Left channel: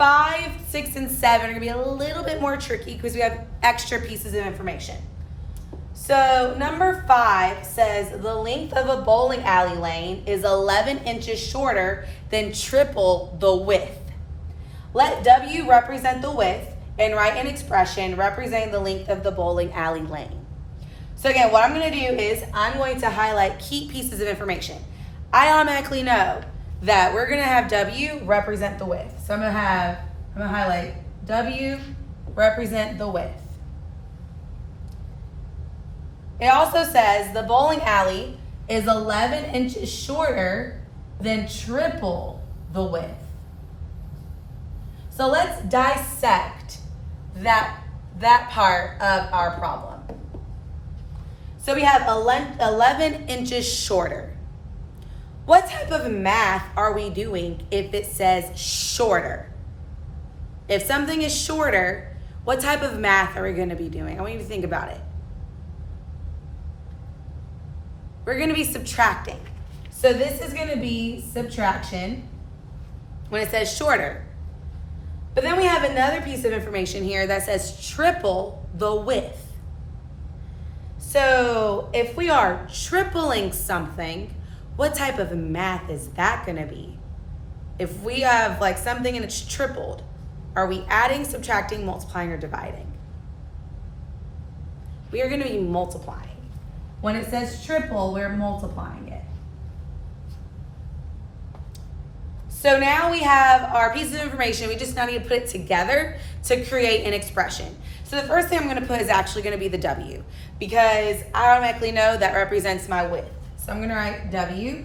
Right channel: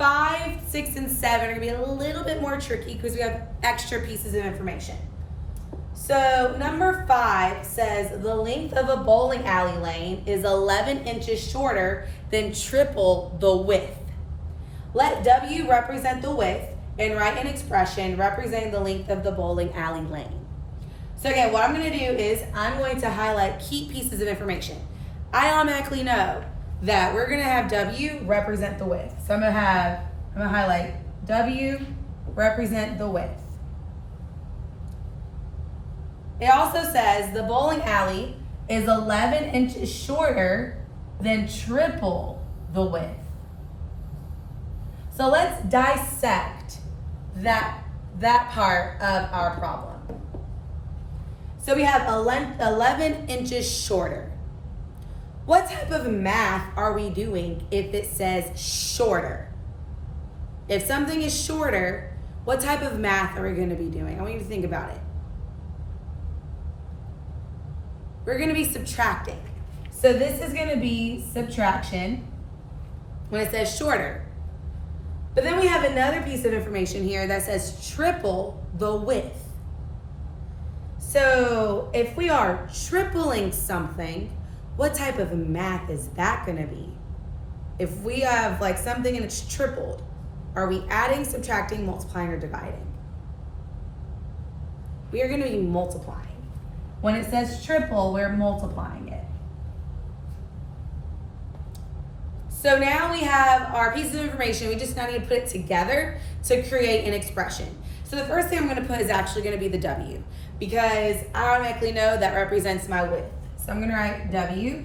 5, 6, and 7 are going to be a little bit more tricky because we have extra pieces of information. So number 5 says the length of a bowling alley lane is 11 inches shorter than triple the width. Let W represent the width and write an expression representing the length of the bowling alley lane. So again, what I'm going to do is I'm going to highlight key pieces of information. I automatically know that we're going to have W represent the width. So I'm going to highlight W represent the width. It also says the bowling alley is 11 inches shorter than triple the width. So let's dissect that part of our problem. So we have 11 inches shorter. What type of math are we doing if it says shorter? If something is shorter, what type of math are we going to be doing? I want you to think about it. We're going to be subtracting. So this is going to be subtraction when it says shorter. But then we have another piece of information here that says triple the width. So if we are tripling something, what type of math is that going to be? If we have like something and it's tripled, are we adding, subtracting, multiplying, or dividing? We are going to be multiplying. When it says triple, we're multiplying it. So now we have our pieces of information. We just now need to put it together to create an expression. So the first thing I'm going to put is actually going to be the W, because I automatically know that represents my width. So I'm going to write W.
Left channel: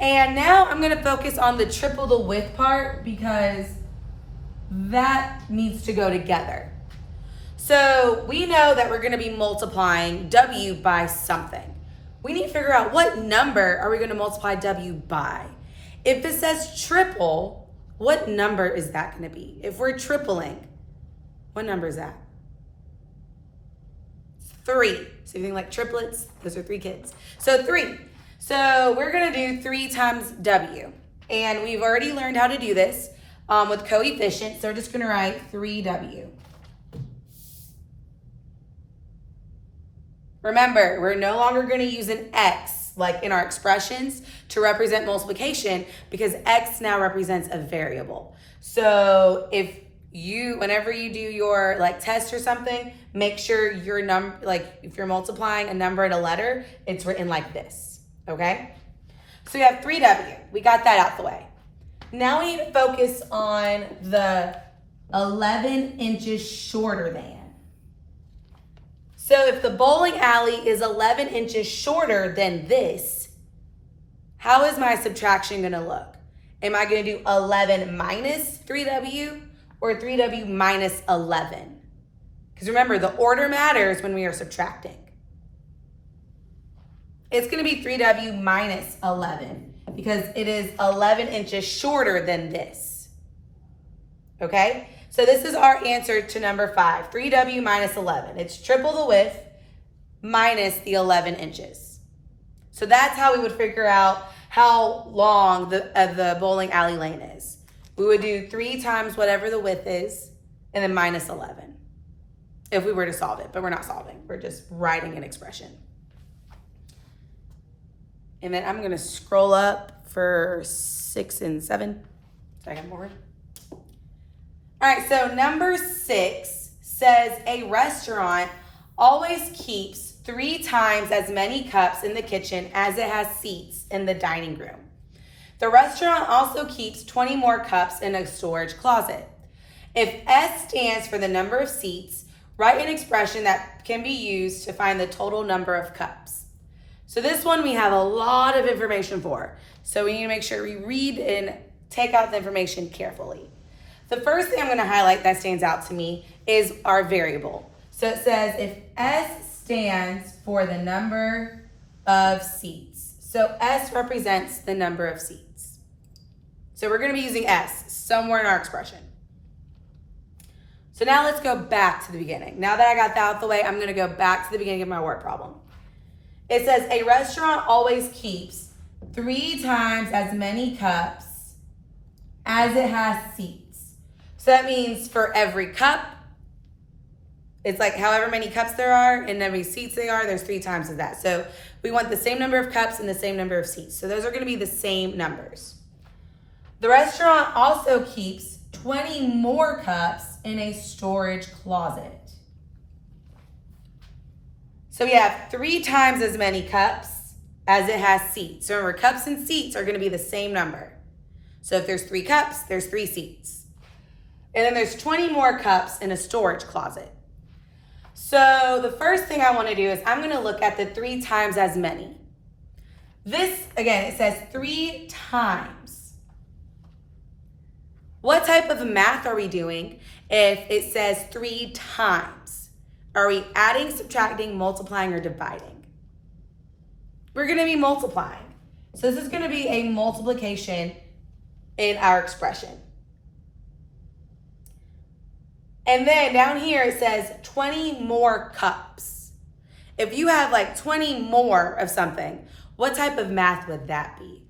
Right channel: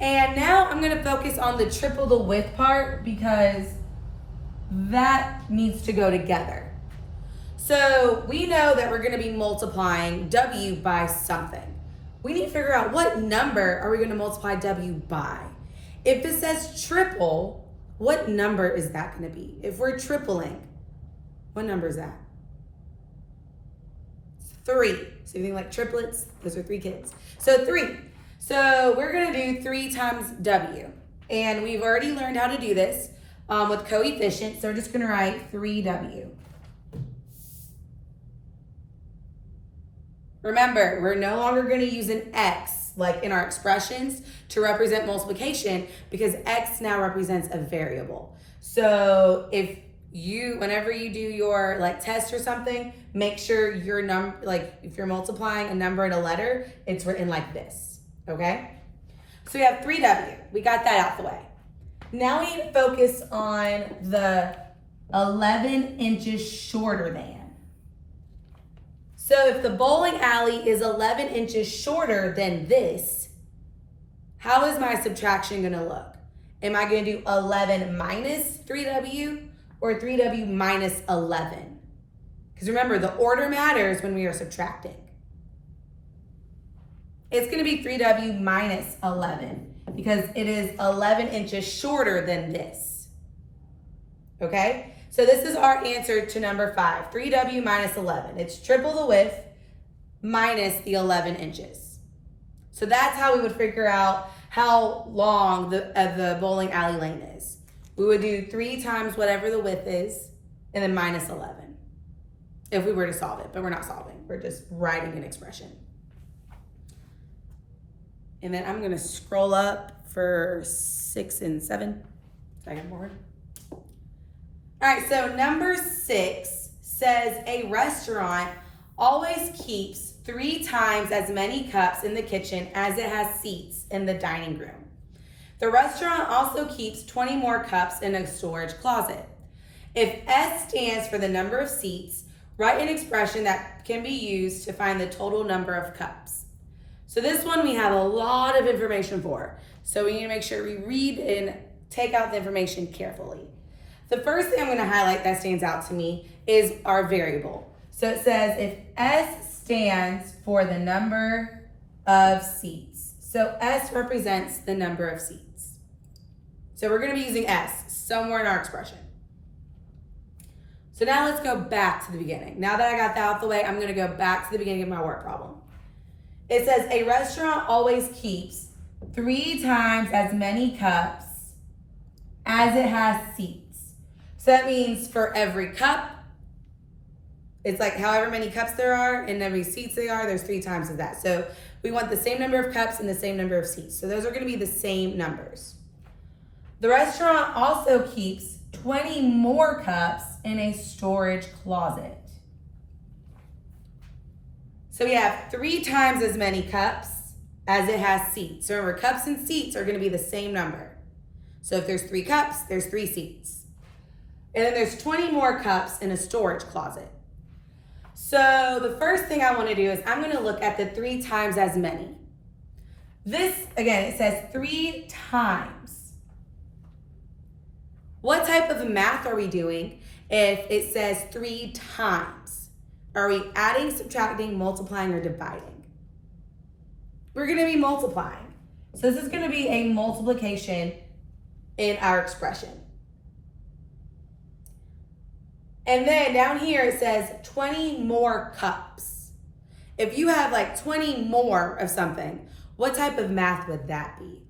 And now I'm going to focus on the triple the width part because that needs to go together. So we know that we're going to be multiplying W by something. We need to figure out what number are we going to multiply W by. If it says triple, what number is that going to be? If we're tripling, what number is that? 3. So if you think like triplets, those are 3 kids. So 3. So we're going to do 3 times W. And we've already learned how to do this with coefficients. So we're just going to write 3W. Remember, we're no longer going to use an X like in our expressions to represent multiplication because X now represents a variable. So whenever you do your like test or something, make sure your number, like if you're multiplying a number and a letter, it's written like this, okay? So we have 3W. We got that out the way. Now we need to focus on the 11 inches shorter than. So if the bowling alley is 11 inches shorter than this, how is my subtraction going to look? Am I going to do 11 minus 3W or 3W minus 11? Because remember, the order matters when we are subtracting. It's going to be 3W minus 11 because it is 11 inches shorter than this. Okay? So this is our answer to number 5, 3W minus 11. It's triple the width minus the 11 inches. So that's how we would figure out how long the bowling alley lane is. We would do 3 times whatever the width is and then minus 11 if we were to solve it, but we're not solving. We're just writing an expression. And then I'm going to scroll up for 6 and 7. So I got more. All right, so number 6 says a restaurant always keeps 3 times as many cups in the kitchen as it has seats in the dining room. The restaurant also keeps 20 more cups in a storage closet. If S stands for the number of seats, write an expression that can be used to find the total number of cups. So this one we have a lot of information for. So we need to make sure we read and take out the information carefully. The first thing I'm going to highlight that stands out to me is our variable. So it says if S stands for the number of seats. So S represents the number of seats. So we're going to be using S somewhere in our expression. So now let's go back to the beginning. Now that I got that out of the way, I'm going to go back to the beginning of my word problem. It says a restaurant always keeps 3 times as many cups as it has seats. So that means for every cup, it's like however many cups there are and how many seats there are, there's 3 times of that. So we want the same number of cups and the same number of seats. So those are going to be the same numbers. The restaurant also keeps 20 more cups in a storage closet. So we have 3 times as many cups as it has seats. So remember, cups and seats are going to be the same number. So if there's 3 cups, there's 3 seats. And then there's 20 more cups in a storage closet. So the first thing I want to do is I'm going to look at the 3 times as many. This, again, it says 3 times. What type of math are we doing if it says 3 times? Are we adding, subtracting, multiplying, or dividing? We're going to be multiplying. So this is going to be a multiplication in our expression. And then down here it says 20 more cups. If you have like 20 more of something, what type of math would that be?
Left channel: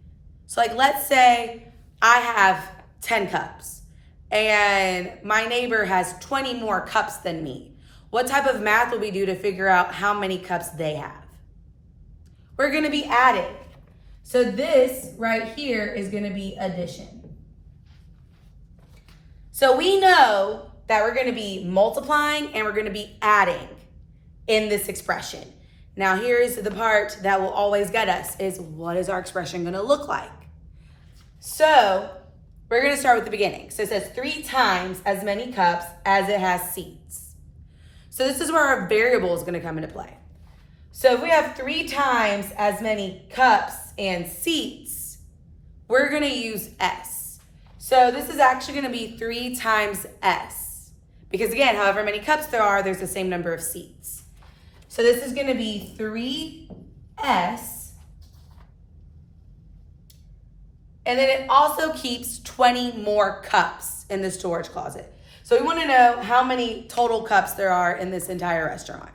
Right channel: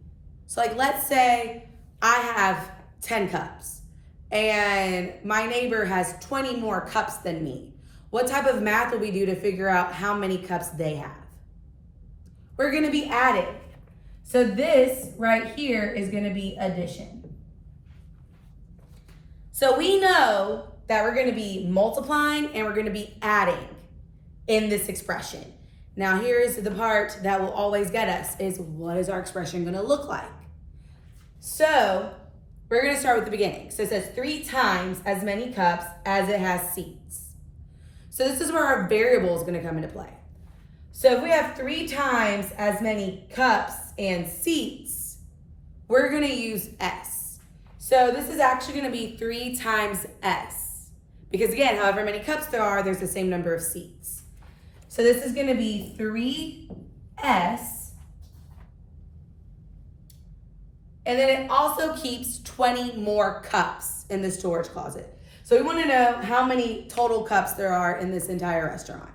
So like let's say I have 10 cups and my neighbor has 20 more cups than me. What type of math will we do to figure out how many cups they have? We're going to be adding. So this right here is going to be addition. So we know that we're going to be multiplying and we're going to be adding in this expression. Now here's the part that will always get us is what is our expression going to look like? So we're going to start with the beginning. So it says 3 times as many cups as it has seats. So this is where our variable is going to come into play. So if we have 3 times as many cups and seats, we're going to use S. So this is actually going to be 3 times S. Because again, however many cups there are, there's the same number of seats. So this is going to be 3S. And then it also keeps 20 more cups in the storage closet. So we want to know how many total cups there are in this entire restaurant.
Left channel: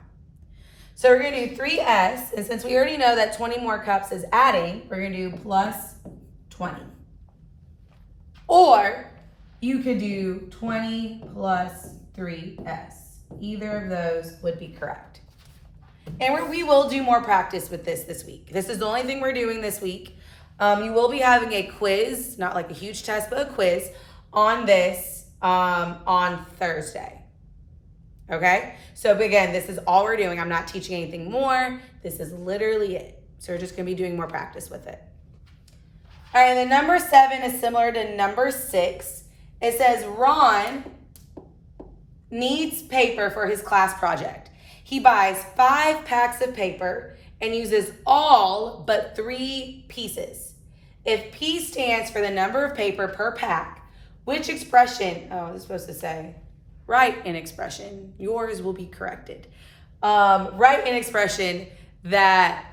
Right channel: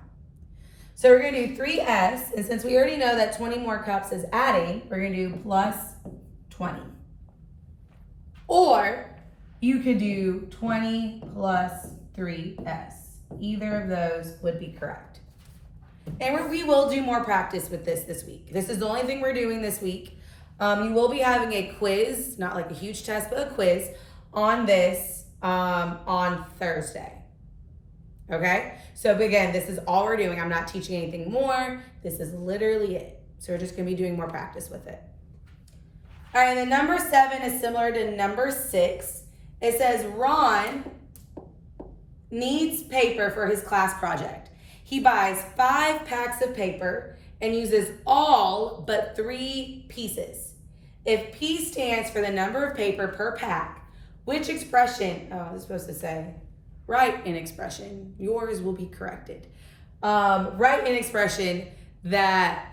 So we're going to do 3S. And since we already know that 20 more cups is adding, we're going to do plus 20. Or you could do 20 plus 3S. Either of those would be correct. And we will do more practice with this week. This is the only thing we're doing this week. You will be having a quiz, not like a huge test, but a quiz on this on Thursday. Okay? So again, this is all we're doing. I'm not teaching anything more. This is literally it. So we're just going to be doing more practice with it. All right, and then number 7 is similar to number 6. It says Ron needs paper for his class project. He buys 5 packs of paper and uses all but 3 pieces. If P stands for the number of paper per pack, which expression, oh, it's supposed to say, write an expression. Yours will be corrected. Write an expression that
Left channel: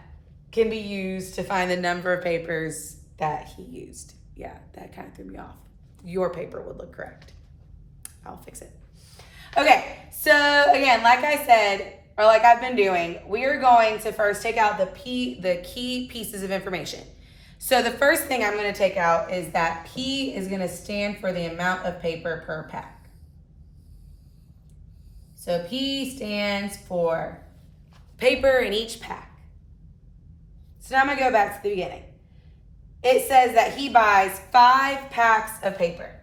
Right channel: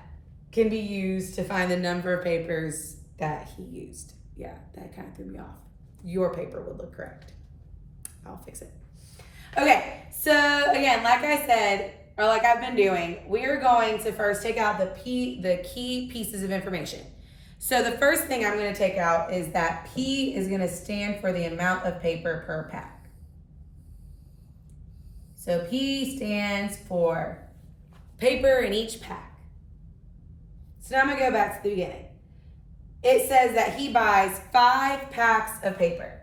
can be used to find the number of papers that he used. Yeah, that kind of threw me off. Your paper would look correct. I'll fix it. Okay, so again, like I said, or like I've been doing, we are going to first take out the key pieces of information. So the first thing I'm going to take out is that P is going to stand for the amount of paper per pack. So P stands for paper in each pack. So now I'm going to go back to the beginning. It says that he buys 5 packs of paper.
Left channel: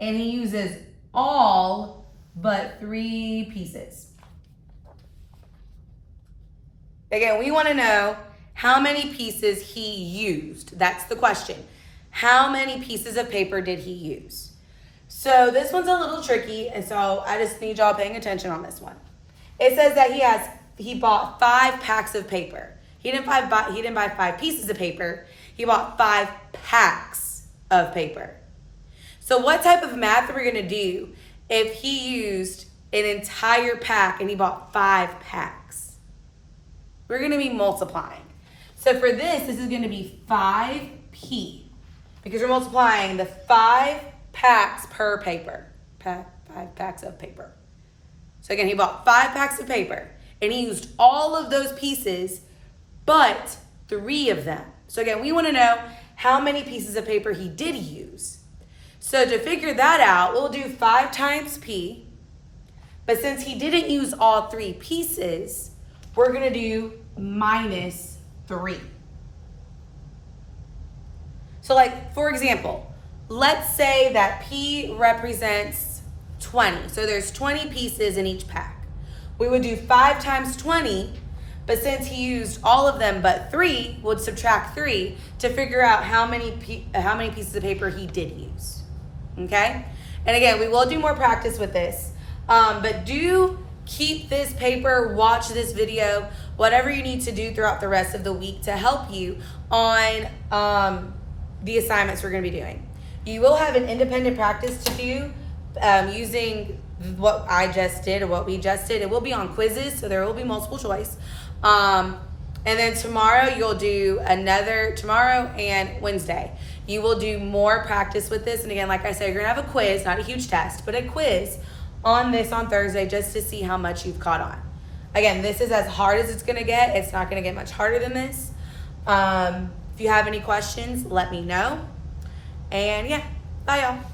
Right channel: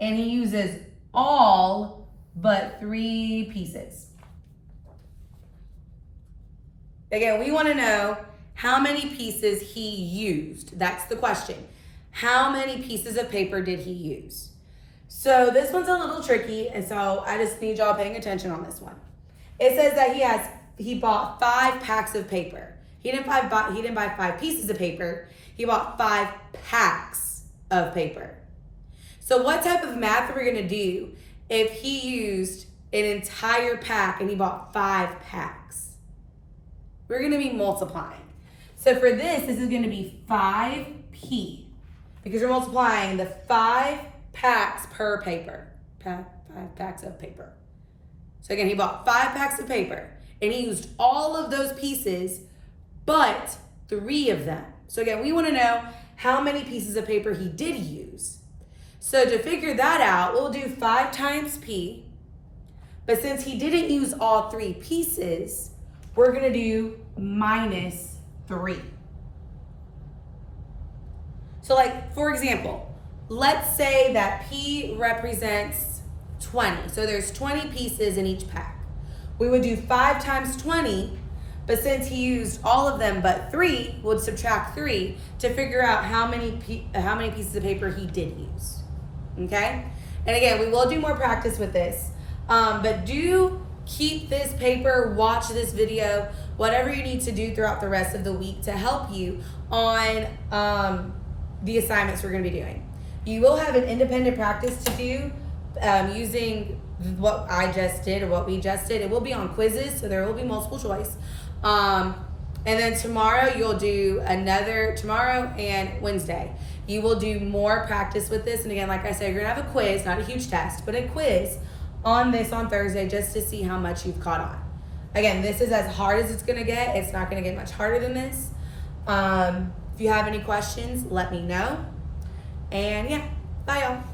And he uses all but 3 pieces. Again, we want to know how many pieces he used. That's the question. How many pieces of paper did he use? So this one's a little tricky, and so I just need y'all paying attention on this one. It says that he bought 5 packs of paper. He didn't buy 5 pieces of paper. He bought 5 packs of paper. So what type of math are we going to do if he used an entire pack and he bought 5 packs? We're going to be multiplying. So for this is going to be 5P because we're multiplying the 5 packs per paper. 5 packs of paper. So again, he bought 5 packs of paper and he used all of those pieces but 3 of them. So again, we want to know how many pieces of paper he did use. So to figure that out, we'll do 5 times P. But since he didn't use all 3 pieces, we're going to do minus 3. So like, for example, let's say that P represents 20. So there's 20 pieces in each pack. We would do 5 times 20, but since he used all of them but 3, we'll subtract 3 to figure out how many pieces of paper he did use. Okay? And again, we will do more practice with this, but do keep this paper, watch this video, whatever you need to do throughout the rest of the week to help you on the assignments we're going to be doing. You will have an independent practice to do using what I just did or what we just did. It will be on quizzes, so there will be multiple choice. And then tomorrow tomorrow and Wednesday, you will do more practice with this. And again, like I said, you're gonna have a quiz, not a huge test, but a quiz on this on Thursday just to see how much you've caught on. Again, this is as hard as it's gonna get. It's not gonna get much harder than this. If you have any questions, let me know. And yeah, bye y'all.